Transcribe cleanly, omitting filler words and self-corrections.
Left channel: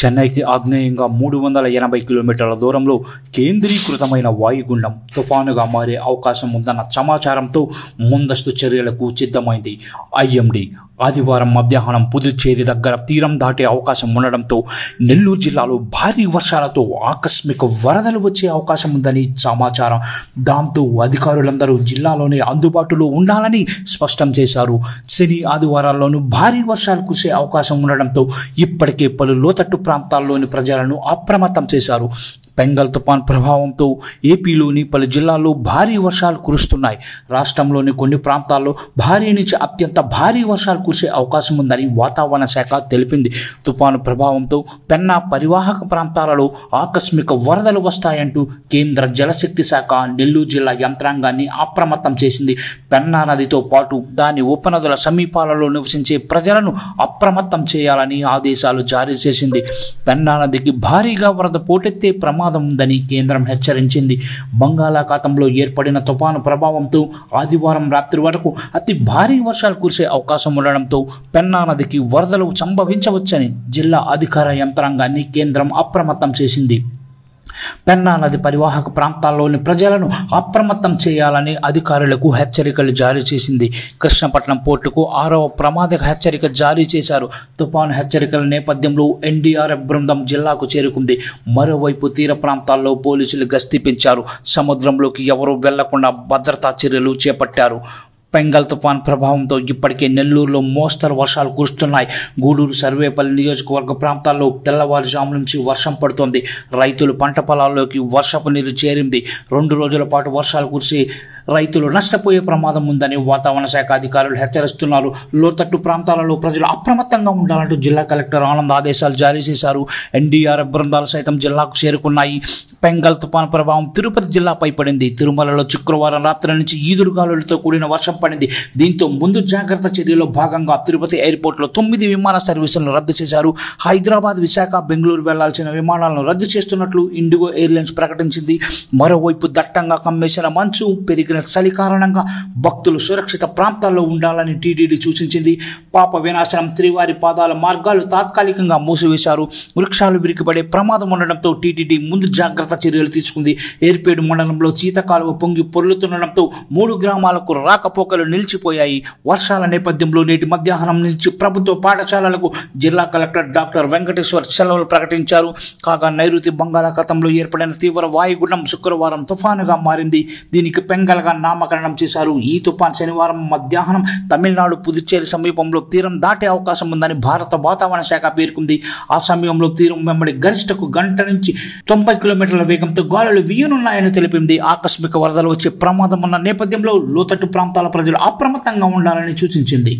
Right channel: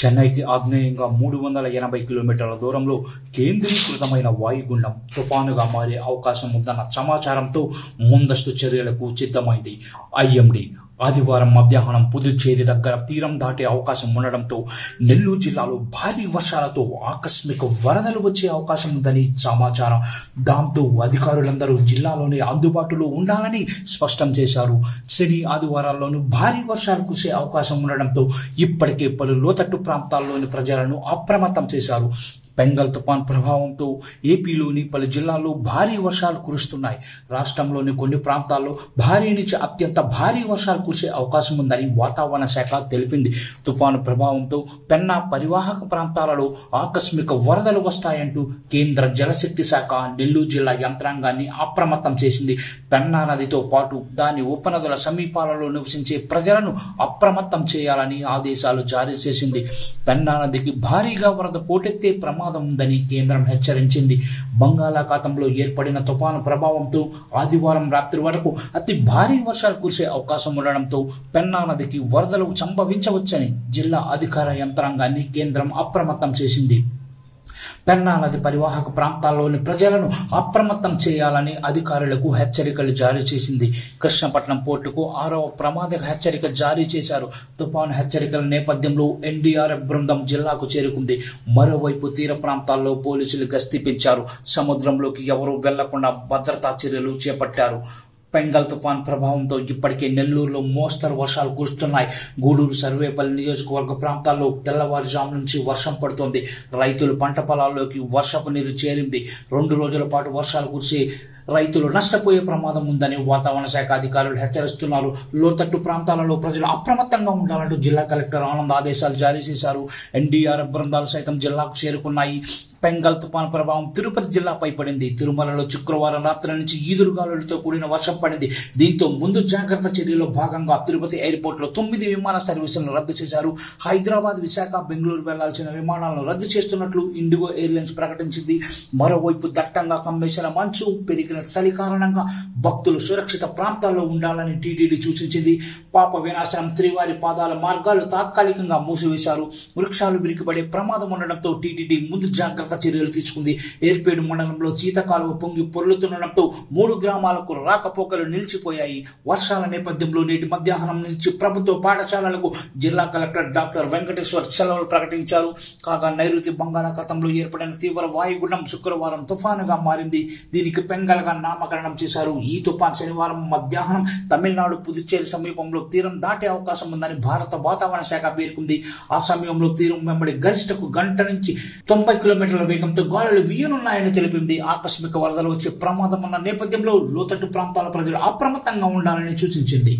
చెన్నైకి ఆగ్నేయంగా 380 కిలోమీటర్ల దూరంలో కేంద్రీకృతమైన వాయుగుండం తుఫానుగా మారే అవకాశం ఉందన్న సమాచారంతో ముందస్తు చర్యలకు సిద్ధమైంది ఐఎండీ. ఆదివారం మధ్యాహ్నం పుదుచ్చేరి దగ్గర తీరం దాటే అవకాశం ఉండడంతో నెల్లూరు జిల్లాలో భారీ వర్షాలతో ఆకస్మిక వరదలు వచ్చే అవకాశం ఉందని సమాచారం. దాంతో అధికారులందరూ జిల్లాలోనే అందుబాటులో ఉండాలని స్పష్టం చేశారు. శని ఆదివారాల్లోనూ భారీ వర్షాలు కురిసే అవకాశం ఉండడంతో ఇప్పటికే పలు లోతట్టు ప్రాంతాల్లోని ప్రజలను అప్రమత్తం చేశారు. బెంగాల్ తుఫాన్ ప్రభావంతో ఏపీలోని పలు జిల్లాల్లో భారీ వర్షాలు కురుస్తున్నాయి. రాష్ట్రంలోని కొన్ని ప్రాంతాల్లో భారీ నుంచి అత్యంత భారీ వర్షాలు కురిసే అవకాశం ఉందని వాతావరణ శాఖ తెలిపింది. తుఫాను ప్రభావంతో పెన్నా పరివాహక ప్రాంతాలలో ఆకస్మిక వరదలు వస్తాయంటూ కేంద్ర జలశక్తి శాఖ నెల్లూరు జిల్లా యంత్రాంగాన్ని అప్రమత్తం చేసింది. పెన్నా నదితో పాటు దాని ఉపనదుల సమీపాలలో నివసించే ప్రజలను అప్రమత్తం చేయాలని ఆదేశాలు జారీ చేసింది. పెన్నా నదికి భారీగా వరద పోటెత్తే ప్రమాదం ఉందని కేంద్రం హెచ్చరించింది. బంగాళాఖాతంలో ఏర్పడిన తుఫాను ప్రభావంతో ఆదివారం రాత్రి వరకు అతి భారీ వర్షాలు కురిసే అవకాశం ఉండడంతో పెన్నా నదికి వరదలు సంభవించవచ్చని జిల్లా అధికార యంత్రాంగాన్ని కేంద్రం అప్రమత్తం చేసింది. పెన్నా నది పరివాహక ప్రాంతాల్లోని ప్రజలను అప్రమత్తం చేయాలని అధికారులకు హెచ్చరికలు జారీ చేసింది. కృష్ణపట్నం పోర్టుకు 6వ ప్రమాద హెచ్చరిక జారీ చేశారు. తుఫాను హెచ్చరికల నేపథ్యంలో ఎన్డీఆర్ఎఫ్ బృందం జిల్లాకు చేరుకుంది. మరోవైపు తీర ప్రాంతాల్లో పోలీసులు గస్తీ పెంచారు. సముద్రంలోకి ఎవరూ వెళ్లకుండా భద్రతా చర్యలు చేపట్టారు. బెంగాల్ తుఫాన్ ప్రభావంతో ఇప్పటికే నెల్లూరులో మోస్తరు వర్షాలు కురుస్తున్నాయి. గూడూరు సర్వేపల్లి నియోజకవర్గ ప్రాంతాల్లో తెల్లవారుజాము నుంచి వర్షం పడుతోంది. రైతులు పంట పొలాల్లోకి వర్షపు నీరు చేరింది. 2 రోజుల పాటు వర్షాలు కురిసి రైతులు నష్టపోయే ప్రమాదం ఉందని వాతావరణ శాఖ అధికారులు హెచ్చరిస్తున్నారు. లోతట్టు ప్రాంతాలలో ప్రజలు అప్రమత్తంగా ఉండాలంటూ జిల్లా కలెక్టర్ ఆనంద్ ఆదేశాలు జారీ చేశారు. ఎన్డీఆర్ఎఫ్ బృందాలు సైతం జిల్లాకు చేరుకున్నాయి. బెంగాల్ తుఫాను ప్రభావం తిరుపతి జిల్లాపై పడింది. తిరుమలలో శుక్రవారం రాత్రి నుంచి ఈదురుగాలులతో కూడిన వర్షం పడింది. దీంతో ముందు జాగ్రత్త చర్యలో భాగంగా తిరుపతి ఎయిర్పోర్ట్లో 9 విమాన సర్వీసులను రద్దు చేశారు. హైదరాబాద్, విశాఖ, బెంగళూరు వెళ్లాల్సిన విమానాలను రద్దు చేస్తున్నట్లు ఇండిగో ఎయిర్లైన్స్ ప్రకటించింది. మరోవైపు దట్టంగా కమ్మేసిన మంచు, పెరిగిన చలి కారణంగా భక్తులు సురక్షిత ప్రాంతాల్లో ఉండాలని టీటీడీ సూచించింది. పాప వినాశనం శ్రీవారి పాదాల మార్గాలు తాత్కాలికంగా మూసివేశారు. వృక్షాలు విరిగిపడే ప్రమాదం ఉండడంతో టీటీడీ ముందు జాగ్రత్త చర్యలు తీసుకుంది. ఏర్పేడు మండలంలో చీతకాలువ పొంగి పొర్లుతుండడంతో 3 గ్రామాలకు రాకపోకలు నిలిచిపోయాయి. వర్షాల నేపథ్యంలో నేటి మధ్యాహ్నం నుంచి ప్రభుత్వ పాఠశాలలకు జిల్లా కలెక్టర్ డాక్టర్ వెంకటేశ్వర్ సెలవులు ప్రకటించారు. కాగా నైరుతి బంగాళాఖాతంలో ఏర్పడిన తీవ్ర వాయుగుండం శుక్రవారం తుఫానుగా మారింది. దీనికి బెంగాల్ నామకరణం చేశారు. ఈ తుఫాన్ శనివారం మధ్యాహ్నం తమిళనాడు పుదుచ్చేరి సమీపంలో తీరం దాటే అవకాశం ఉందని భారత వాతావరణ శాఖ పేర్కొంది. ఆ సమయంలో తీరం వెంబడి గరిష్టకు గంట నుంచి 90 కిలోమీటర్ల వేగంతో గాలులు వీయనున్నాయని తెలిపింది. ఆకస్మిక వరదలు వచ్చే ప్రమాదం ఉన్న నేపథ్యంలో లోతట్టు ప్రాంతాల ప్రజలు అప్రమత్తంగా ఉండాలని సూచించింది.